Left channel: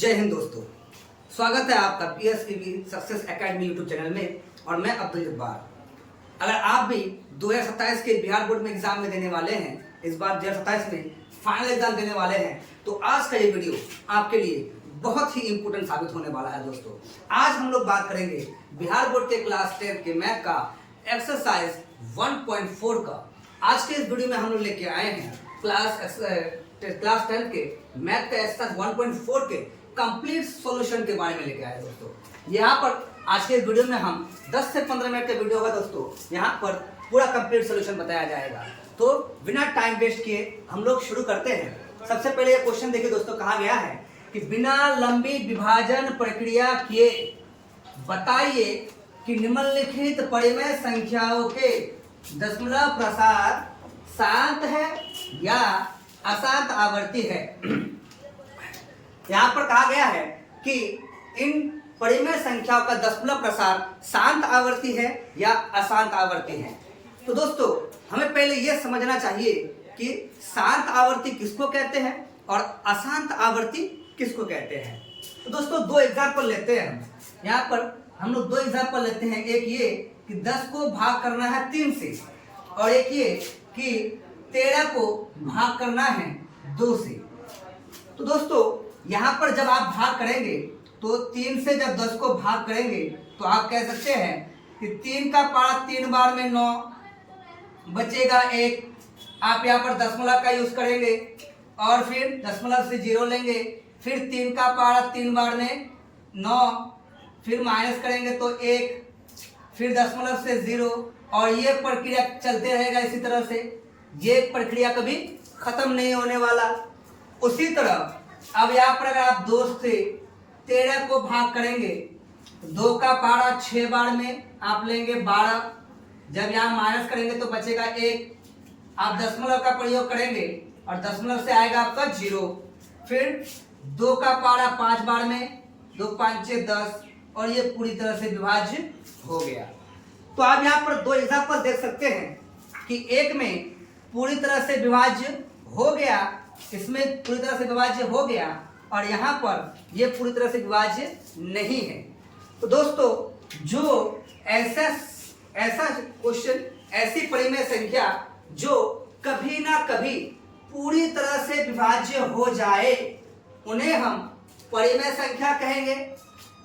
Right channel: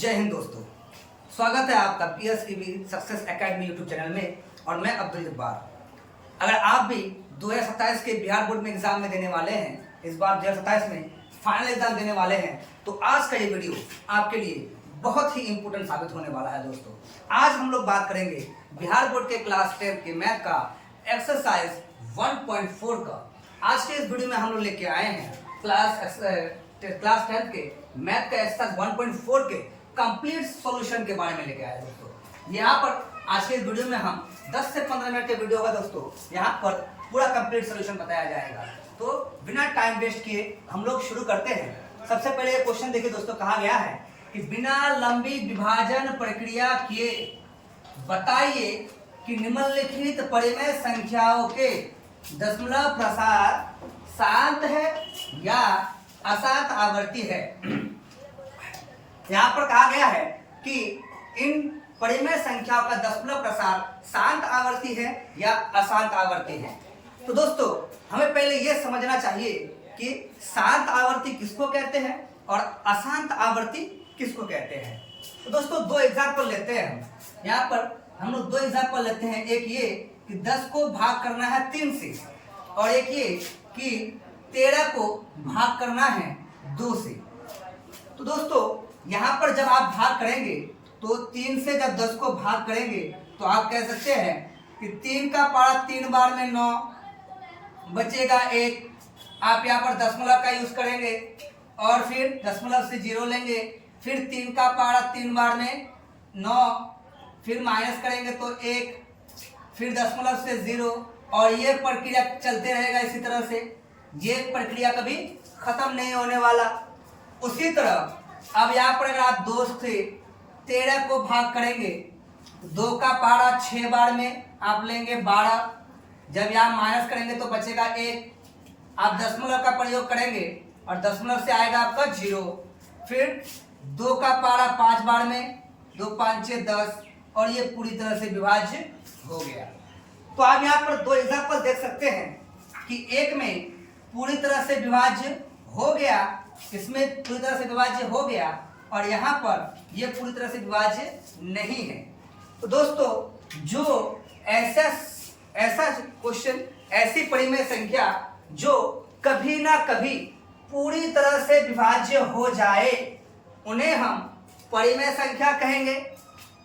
जय हिंद दोस्तों, स्वागत है आपका PSEB success academy YouTube channel में और मैं अब्दुल जब्बार। अगर आप भी 2027 के बिहार बोर्ड में एग्जाम में देने वाले हैं, इस बार 2027 में फाइनल एग्जाम देने वाले हैं, तो आज का ये वीडियो आपके लिए बहुत ही इंपॉर्टेंट साबित होने वाला है। दोस्तों, आज हम लोग बात करेंगे बिहार बोर्ड के क्लास 10 के मैथ का एक्सरसाइज 1.4 का। आज के इस वीडियो में हम लोग लेके आए हैं क्लास 10 के मैथ का एक्सरसाइज 1.4 के कंप्लीट सॉल्यूशन के बारे में लेके आए दोस्तों। यहाँ पर आज के वीडियो में हम 10 से 15 मिनट के वीडियो होगा दोस्तों। यहाँ पर पूरा कंप्लीट सॉल्यूशन बताया जाएगा। तो बिना टाइम वेस्ट किए हम लोग शुरू करते हैं। सबसे पहले ये क्वेश्चन देखिए दोस्तों, कहा गया है कि बिना लंबी विभाजन प्रक्रिया किए बताइए कि निम्नलिखित परिमेय संख्याओं के दशमलव प्रसार शांत है या अशांत आवर्ती है। यहाँ पर कहा गया है कि इन परिमेय संख्याओं का दशमलव प्रसार शांत आवर्ती है या अशांत आवर्ती है। तो दोस्तों, हमें पहले यह समझना चाहिए कि शांत आवर्ती किसको कहते हैं और अशांत आवर्ती किसको कहते हैं। तो दोस्तों, दो एग्जाम्पल लेते हैं हम। यहाँ पर हम लोग दो एग्जाम्पल लेते हैं। एक ये कि 10 को भाग करना है 3 से, और एक ये कि 13 को भाग करना है 2 से। तो दोस्तों, यहाँ पर जब आप भाग करेंगे तो 3 से जब 10 को भाग करेंगे तो आप कह सकते हैं कि 3 का पारा 3 बार में 9 बचेगा 1। आप यहाँ पर दशमलव का यूज करेंगे और फिर दशमलव से 0 लेंगे। फिर 3 का पारा 3 बार में 9, फिर माइनस करेंगे तो 1, फिर दशमलव से 0, और ये प्रक्रिया चलते रहेगा। इसी तरह से ये प्रक्रिया कभी खत्म नहीं होने वाला। उसी तरह अब यहाँ पर अगर आप 2 से 13 को भाग करेंगे, 2 का पारा 6 बार में आप लेंगे 12। जब यहाँ माइनस करेंगे तो बचेगा 1। आप दशमलव का प्रयोग करेंगे और दशमलव से आएगा आपका 0। फिर 2 का पारा 5 बार में, 2 5 6 10, और ये पूरी तरह से विभाज्य हो गया। तो आप यहाँ पर दो एग्जाम्पल देख सकते हैं कि एक में पूरी तरह से विभाज्य हो गया, इसमें पूरी तरह से विभाज्य हो गया, और यहाँ पर ये पूरी तरह से विभाज्य नहीं है। तो दोस्तों, जो ऐसा क्वेश्चन, ऐसी परिमेय संख्या जो कभी ना कभी पूरी तरह से विभाज्य हो जाए, उन्हें हम परिमेय संख्या कहेंगे,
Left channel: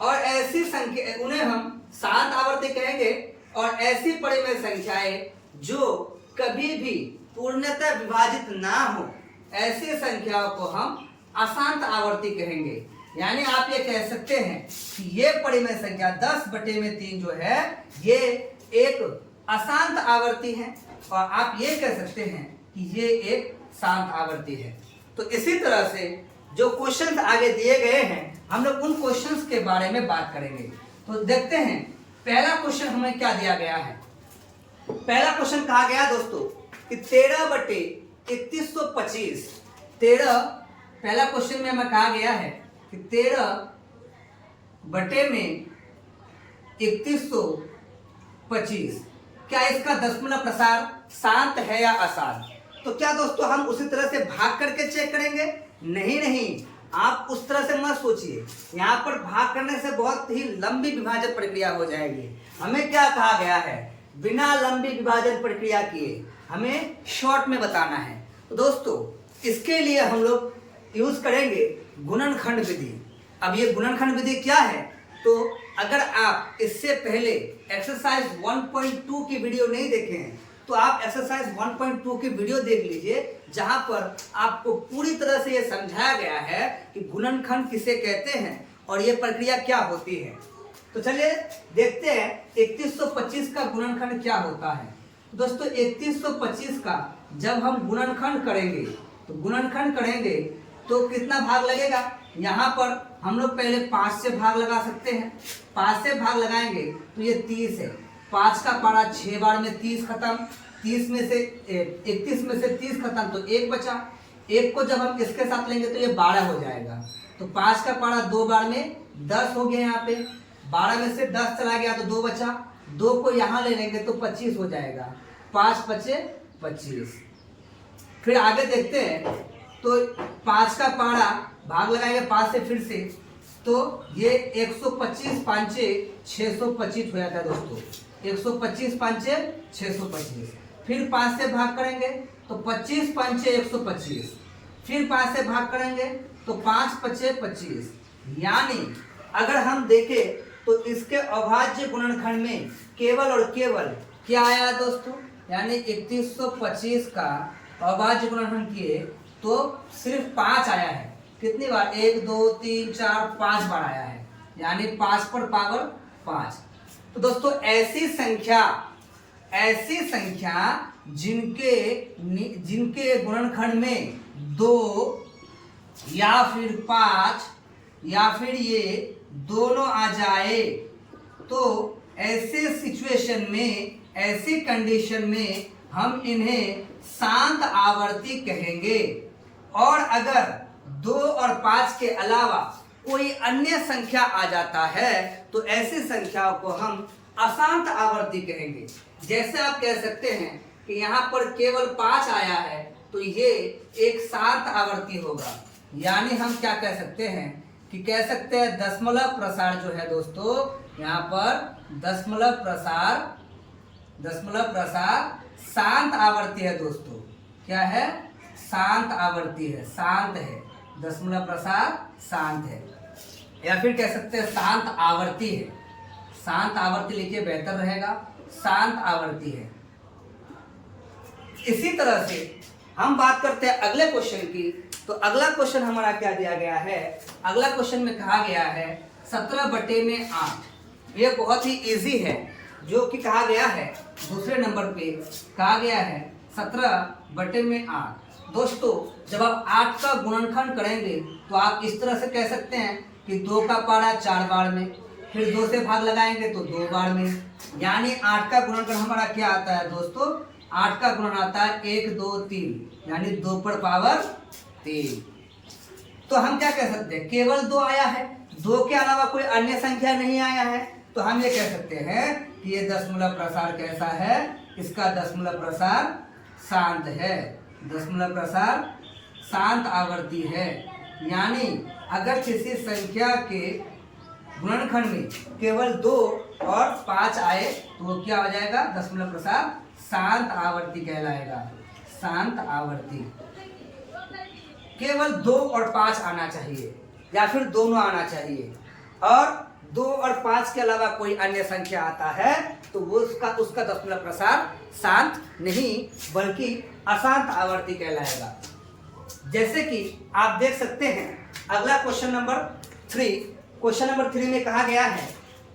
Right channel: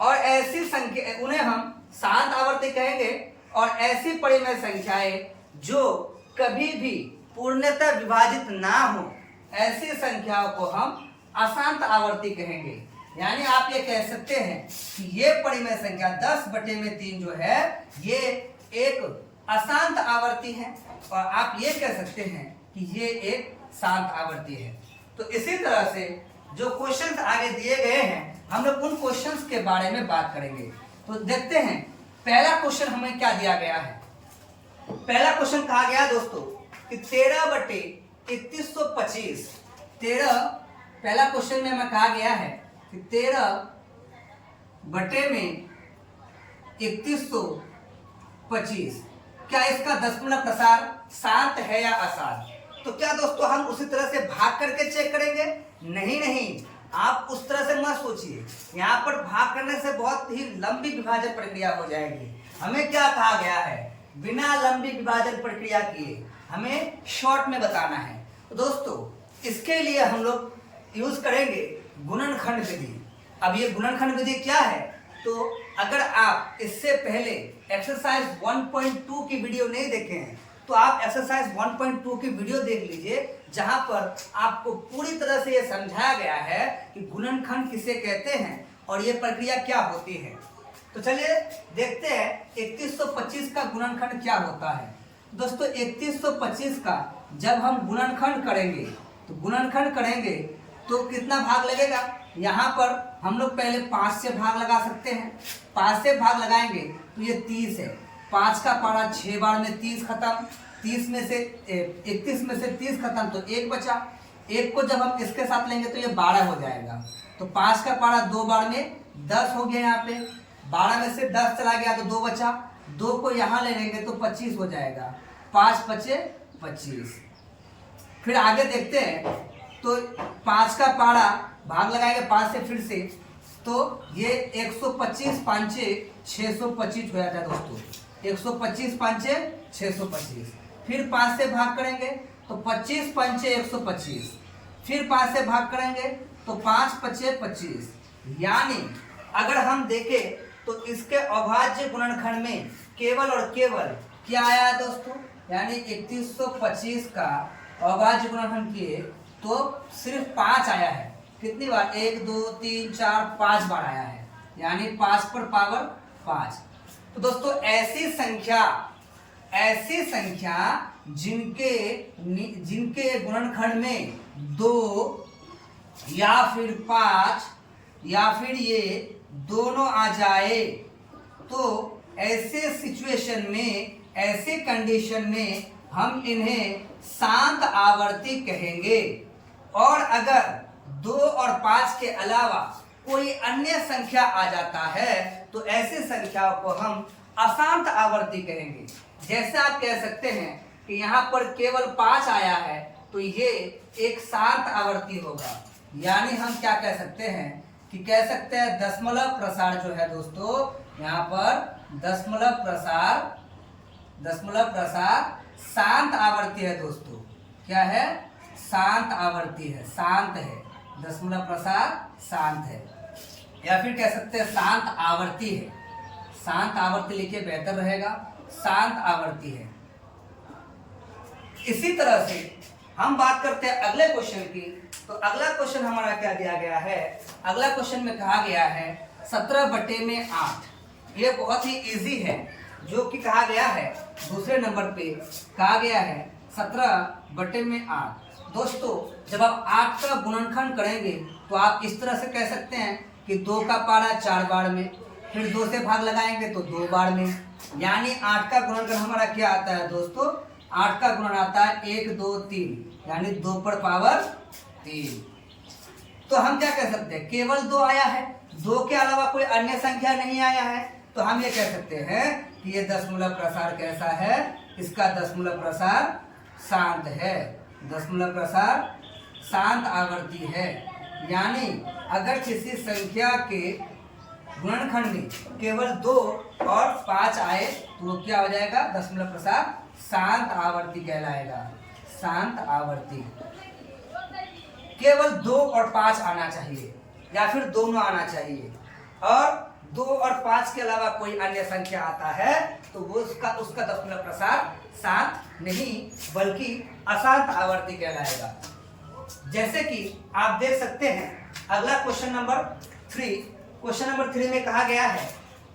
और ऐसी संख्या उन्हें हम शांत आवर्ती कहेंगे। और ऐसी परिमेय संख्याएं जो कभी भी पूर्णतः विभाजित ना हो, ऐसी संख्याओं को हम अशांत आवर्ती कहेंगे। यानी आप ये कह सकते हैं कि ये परिमेय संख्या 10/3 जो है ये एक अशांत आवर्ती है, और आप ये कह सकते हैं कि ये एक शांत आवर्ती है। तो इसी तरह से जो क्वेश्चंस आगे दिए गए हैं, हम लोग उन क्वेश्चंस के बारे में बात करेंगे। तो देखते हैं पहला क्वेश्चन हमें क्या दिया गया है। पहला क्वेश्चन कहा गया दोस्तों कि 13/3125 पहला क्वेश्चन में हमें कहा गया है कि 13/3125 क्या इसका दशमलव प्रसार शांत है या अशांत। तो क्या दोस्तों हम उसी तरह से भाग करके चेक करेंगे? नहीं, आप उस तरह से मत सोचिए। यहाँ पर भाग करने से बहुत ही लंबी विभाजन प्रक्रिया हो जाएगी। हमें क्या कहा गया है? बिना लंबी विभाजन प्रक्रिया किए हमें शॉर्ट में बताना है। तो दोस्तों, इसके लिए हम लोग यूज करेंगे गुणनखंड विधि। अब ये गुणनखंड विधि क्या है? तो अगर आप इससे पहले एक्सरसाइज 1.2 की वीडियो नहीं देखे हैं तो आप एक्सरसाइज 1.2 की वीडियो देख लीजिए, जहां पर आपको पूरी तरह से ये समझाया गया है कि गुणनखंड किसे कहते हैं और ये प्रक्रिया क्या होती है। तो चलिए देखते हैं 3125 का गुणनखंड क्या होता है। दोस्तों, 3125 का जब हम गुणनखंड करेंगे तो कितना भाग लगेगा? यहाँ पर हम लोग पहले 5 से भाग लगा सकते हैं। 5 से भाग लगाएंगे तो ये 30 है। 5 का पारा 6 बार में 30 खत्म, 30 में से 31 में से 30 खत्म, तो 1 बचा। 1 को जब हम इसके साथ लेंगे तो ये 12 हो जाएगा। तो 5 का पारा 2 बार में 10 हो गया। यहाँ पे 12 में से 10 चला गया तो 2 बचा। 2 को यहाँ ले लेंगे तो 25 हो जाएगा। 5 बचे 25। फिर आगे देखते हैं तो 5 का पारा भाग लगाएंगे 5 से फिर से, तो ये 125 5 625 हो जाता है दोस्तों। 125 5 625। फिर 5 से भाग करेंगे तो 25 5 125। फिर 5 से भाग करेंगे तो 5 5 25। यानी अगर हम देखें तो इसके अभाज्य गुणनखंड में केवल और केवल क्या आया दोस्तों, यानी 3125 का अभाज्य गुणनखंड किए तो सिर्फ 5 आया है। कितनी बार? 1 2 3 4 5 बार आया है, यानी 5 पर पावर 5। तो दोस्तों ऐसी संख्या जिनके गुणनखंड में 2 या फिर 5 या फिर ये दोनों आ जाए, तो ऐसे सिचुएशन में, ऐसी कंडीशन में हम इन्हें शांत आवर्ती कहेंगे। और अगर 2 और 5 के अलावा कोई अन्य संख्या आ जाता है तो ऐसी संख्याओं को हम अशांत आवर्ती कहेंगे। जैसे आप कह सकते हैं कि यहाँ पर केवल 5 आया है तो ये एक शांत आवर्ती होगा। यानी हम क्या कह सकते हैं कि कह सकते हैं दशमलव प्रसार जो है दोस्तों, यहाँ पर दशमलव प्रसार शांत आवर्ती है दोस्तों। क्या है? शांत आवर्ती है, शांत है। दशमलव प्रसार शांत है, या फिर कह सकते हैं शांत आवर्ती है। शांत आवर्ती लिखिए, बेहतर रहेगा। शांत आवर्ती है। इसी तरह से हम बात करते हैं अगले क्वेश्चन की। तो अगला क्वेश्चन हमारा क्या दिया गया है? अगला क्वेश्चन में कहा गया है 17/8। ये बहुत ही इजी है, जो कि कहा गया है दूसरे नंबर पे कहा गया है 17/8। दोस्तों जब आप 8 का गुणनखंड करेंगे तो आप इस तरह से कह सकते हैं कि 2 का पारा 4 बार में, फिर 2 से भाग लगाएंगे तो 2 बार में। यानी 8 का गुणनखंड हमारा क्या आता है दोस्तों? 8 का गुणन आता है 1 2 3, यानी 2 पर पावर 3। तो हम क्या कह सकते हैं? केवल 2 आया है, 2 के अलावा कोई अन्य संख्या नहीं आया है, तो हम ये कह सकते हैं कि ये दशमलव प्रसार कैसा है? इसका दशमलव प्रसार शांत है। दशमलव प्रसार शांत आवर्ती है। यानी अगर किसी संख्या के गुणनखंड में केवल 2 और 5 आए तो वो क्या हो जाएगा? दशमलव प्रसार शांत आवर्ती कहलाएगा। शांत आवर्ती। केवल 2 और 5 आना चाहिए, या फिर दोनों आना चाहिए, और 2 और 5 के अलावा कोई अन्य संख्या आता है तो वो उसका दशमलव प्रसार शांत नहीं बल्कि अशांत आवर्ती कहलाएगा। जैसे कि आप देख सकते हैं अगला क्वेश्चन नंबर 3। क्वेश्चन नंबर 3 में कहा गया है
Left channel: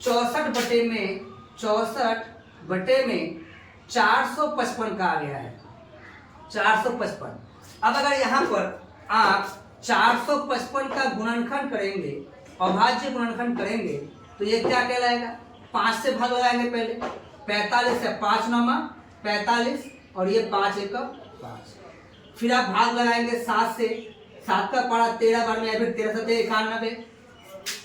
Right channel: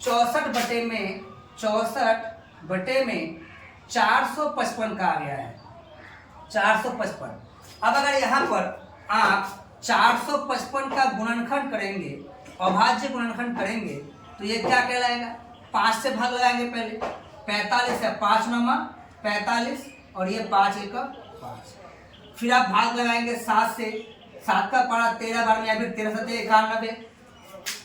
64/455 कहा गया है। 455। अब अगर यहाँ पर आप 455 का गुणनखंड करेंगे, अभाज्य गुणनखंड करेंगे, तो ये क्या कहलाएगा? 5 से भाग लगाएंगे पहले। 45 है, 5 9 45, और ये 5 1 5। फिर आप भाग लगाएंगे 7 से, 7 का पारा 13 बार में, या फिर 13 7 91।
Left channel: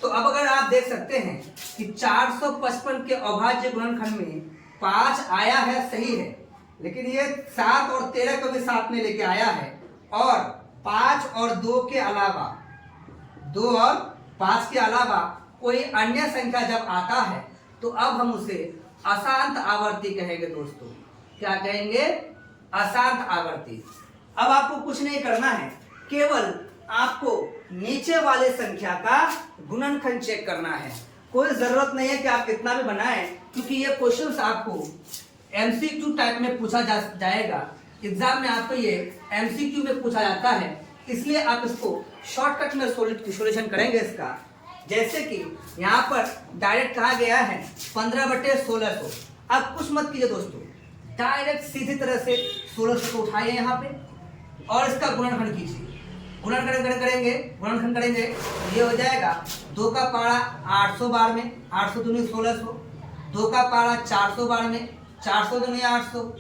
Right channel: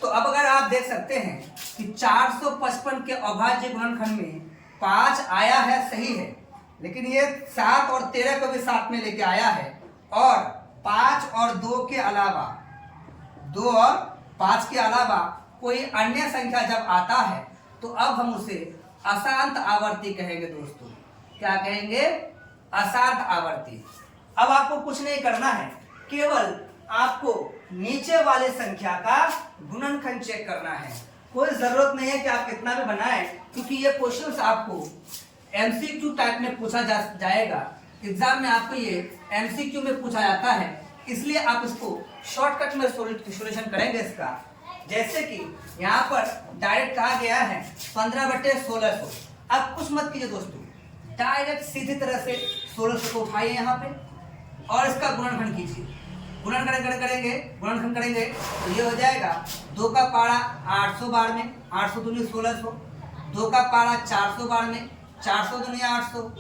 तो अब अगर आप देख सकते हैं कि 455 के अभाज्य गुणनखंड में 5 आया है, सही है, लेकिन ये 7 और 13 को भी साथ में लेके आया है, और 5 और 2 के अलावा, 2 और 5 के अलावा कोई अन्य संख्या जब आता है तो अब हम उसे अशांत आवर्ती कहेंगे दोस्तों। क्या कहेंगे? अशांत आवर्ती। अब आपको कुछ नहीं करना है, केवल आपको नीचे वाले संख्या का गुणनखंड चेक करना है। कोई जरूरत नहीं है कि आप कितना भी बनाएं, क्योंकि ये क्वेश्चंस आपको एमसीक्यू टाइप में पूछा जाएगा। एग्जाम में आपको ये एमसीक्यू में पूछा जाता है, इसलिए आप इसको शॉर्टकट में सॉल्यूशन करेंगे इसका। जैसे कि यहाँ पर डायरेक्ट कहा गया है 15/1600। अब कुछ मत कीजिए दोस्तों, डायरेक्ट सीधी तरह से 1600 को उठाइए यहाँ पे और इसका गुणनखंड कीजिए। गुणनखंड करेंगे तो ये हो जाएगा 2 का पारा 800 बार में, 800 दूनी 1600। 2 का पारा 400 बार में, 400 दूनी 800।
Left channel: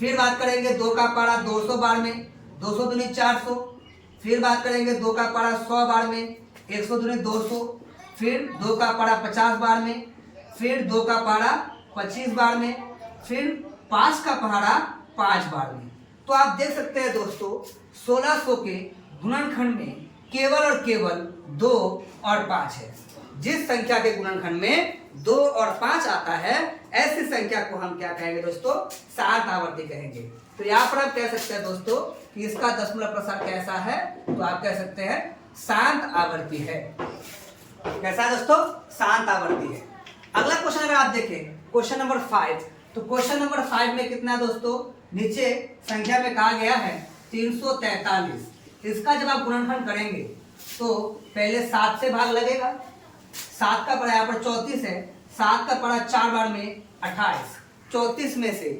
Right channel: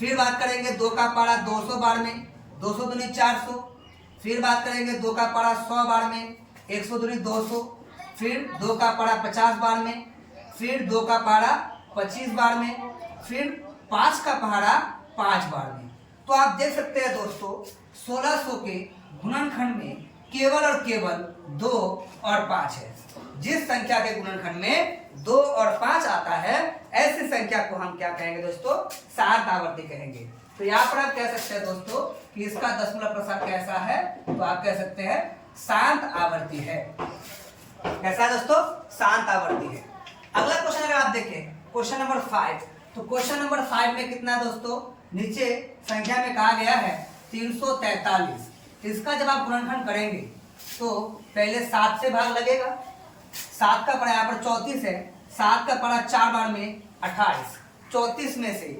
फिर बात करेंगे 2 का पारा 200 बार में, 200 दूनी 400। फिर बात करेंगे 2 का पारा 100 बार में, 100 दूनी 200। फिर 2 का पारा 50 बार में, फिर 2 का पारा 25 बार में, फिर 5 का पारा 5 बार में। तो आप देख सकते हैं दोस्तों 1600 के गुणनखंड में केवल और केवल 2 और 5 है। जिस संख्या के गुणनखंड में 2 और 5 आता है, ऐसी संख्या को हम क्या कहेंगे दोस्तों? शांत आवर्ती कहेंगे। तो यहाँ पर आप कह सकते हैं दोस्तों कि इसका दशमलव प्रसार कैसा है, तो आप कह सकते हैं शांत आवर्ती है। कैसा है दोस्तों? शांत आवर्ती है। अगला क्वेश्चन अगर आप देखें, क्वेश्चन नंबर 5, तो क्वेश्चन नंबर 5 में कितना है दोस्तों? नीचे संख्या में कहा गया है 343। इसका जब आप गुणनखंड करेंगे तो पहले 7 से भाग लगेगा। 7 का पड़ा यहाँ पर 34 है, 7 का पड़ा 4 बार में 28। 34 में से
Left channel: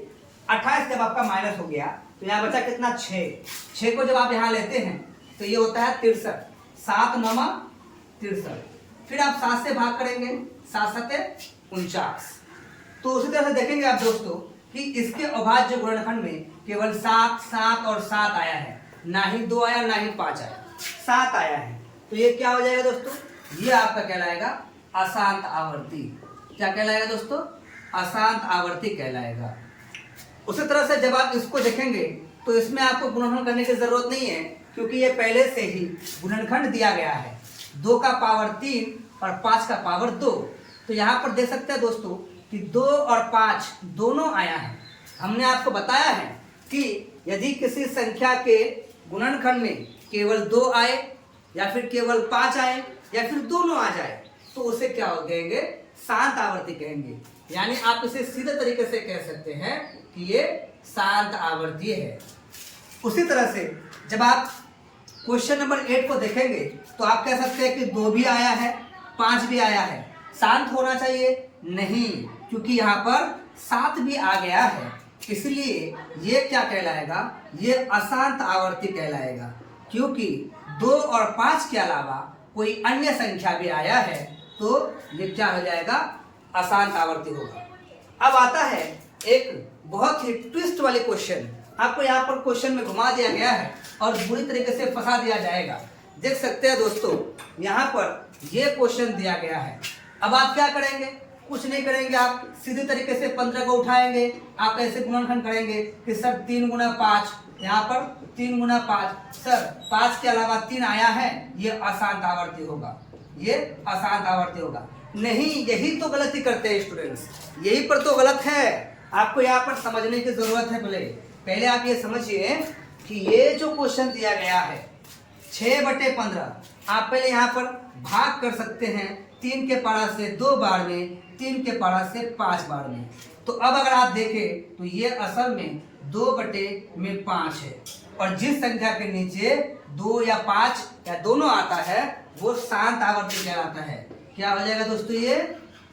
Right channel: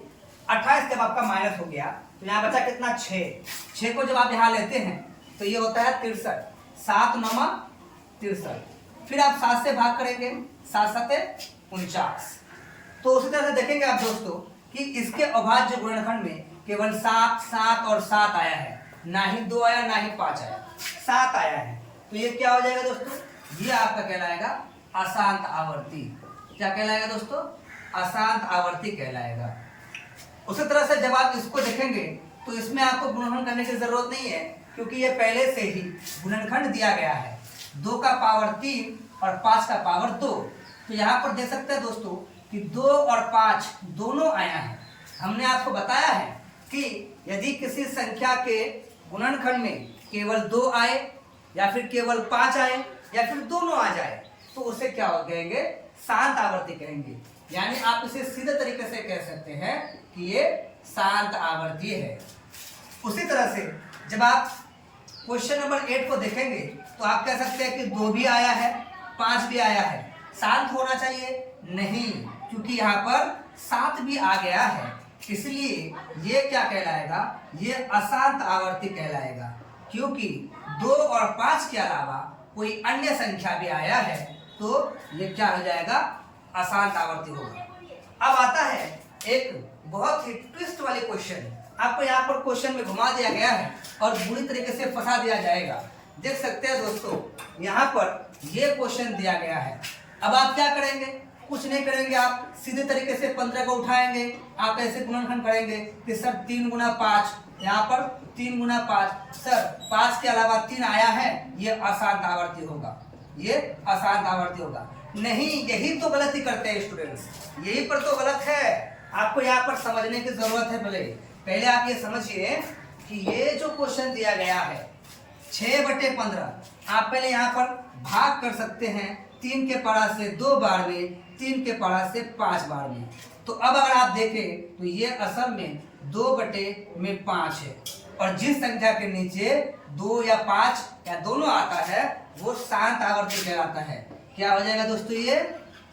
28 जब आपका माइनस हो गया तो यहाँ बचा कितना? 6 को जब आप यहाँ लेते हैं तो ये होता है 63। 7 9 63। फिर आप 7 से भाग करेंगे, 7 7 49। तो उसी तरह से देखेंगे आप दोस्तों कि इसके अभाज्य गुणनखंड में केवल 7 7 और 7 आया है, ना ही 2 आया ना ही 5 आया, 7 आया है। तो ये क्या हो जाएगा दोस्तों? ये आपका कहलाएगा अशांत आवर्ती। क्या कहलाएगा दोस्तों? अशांत आवर्ती कहलाएगा। उसी तरह से जब आप इसको देखेंगे तो इसमें आपको गुणनखंड करने की जरूरत नहीं है, क्योंकि ये पहले से ही गुणनखंड दिया गया है। 2 का पावर 3 और 5 का पावर 2। तो यहाँ पर देख सकते हैं दोस्तों कि 2 और 5 दोनों आया है। हमने आपको बताया है कि यदि किसी संख्या के गुणनखंड में केवल 2 आए या फिर केवल 5 आए या फिर दोनों आ जाए तो उसे क्या कहेंगे? शांत आवर्ती कहेंगे। यानी आप इसे सीधे तरीके से कह सकते हैं कि ये शांत आवर्ती है। उसी तरह से जब आप क्वेश्चन नंबर 8 को देखेंगे तो आप कह सकते हैं कि 2 भी आया है, 5 भी आया है, शांत होना चाहिए? नहीं, क्योंकि यहाँ पर 7 भी आ गया है, इसलिए ये क्या कहलाएगा? ये अशांत आवर्ती कहलाएगा। क्योंकि 2 और 5 के अलावा कोई अन्य संख्या भी आया है तो ये क्या हो जाएगा? अशांत आवर्ती होगा। अब आता है एक बहुत ही ट्विस्ट वाले क्वेश्चन। आपको यहाँ पर क्वेश्चन में घुमा दिया गया है और बुरी तरीके से फंसा दिया जाएगा। देख सकते हैं दोस्तों, यहाँ पर ये क्वेश्चन दिया गया है। अब आप क्या करेंगे? कुछ नहीं करेंगे, आप सीधे तरीके से 15 को उठाएंगे, आप ऐसे गुणनखंड करेंगे कि सर 3 गुना 5, यहाँ पर 3 गुना 5, सर 5 के अलावा 3 आया है, ये अशांत आवर्ती होगा, ये अशांत आवर्ती होगा। नहीं, यही तो गलती करते हैं स्टूडेंट्स, यही पर तो गलत है। आपको यहाँ पर समझने की जरूरत है। पहले आप ये समझिए कि ये जो क्वेश्चन दिया गया है 6/15, आप पहले यहाँ पर भाग कर सकते हैं 3 के पारा से 2 बार में, 3 के पारा से 5 बार में। तो अब अगर आप देखें तो ये असल में 2/5 है, और जिस संख्या के नीचे 2 या 5 या दोनों आता है वो शांत आवर्ती कहलाता है। क्या हो जाएगा दोस्तों? ये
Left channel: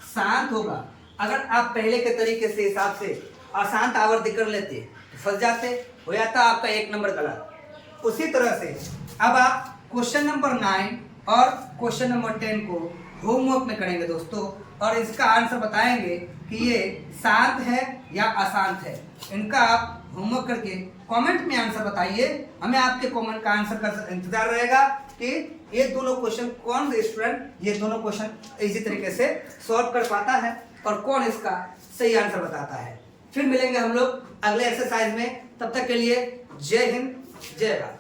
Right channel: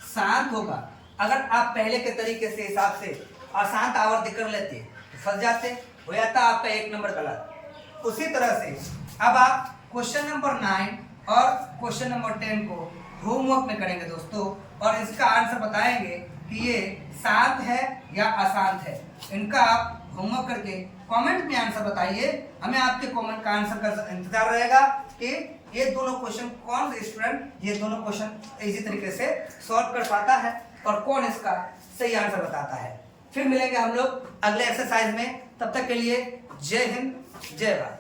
शांत होगा। अगर आप पहले के तरीके से हिसाब से अशांत आवर्ती कर लेते तो फंस जाते, हो जाता आपका 1 नंबर गलत। उसी तरह से अब आप क्वेश्चन नंबर 9 और क्वेश्चन नंबर 10 को होमवर्क में करेंगे दोस्तों, और इसका आंसर बताएंगे कि ये शांत है या अशांत है। इनका आप होमवर्क करके कमेंट में आंसर बताइए। हमें आपके कमेंट का आंसर का इंतजार रहेगा कि ये दोनों क्वेश्चन कौन से स्टूडेंट ये दोनों क्वेश्चन इजी तरीके से सॉल्व कर पाता है और कौन इसका सही आंसर बताता है। फिर मिलेंगे हम लोग अगले एक्सरसाइज में। तब तक के लिए जय हिंद, जय भारत।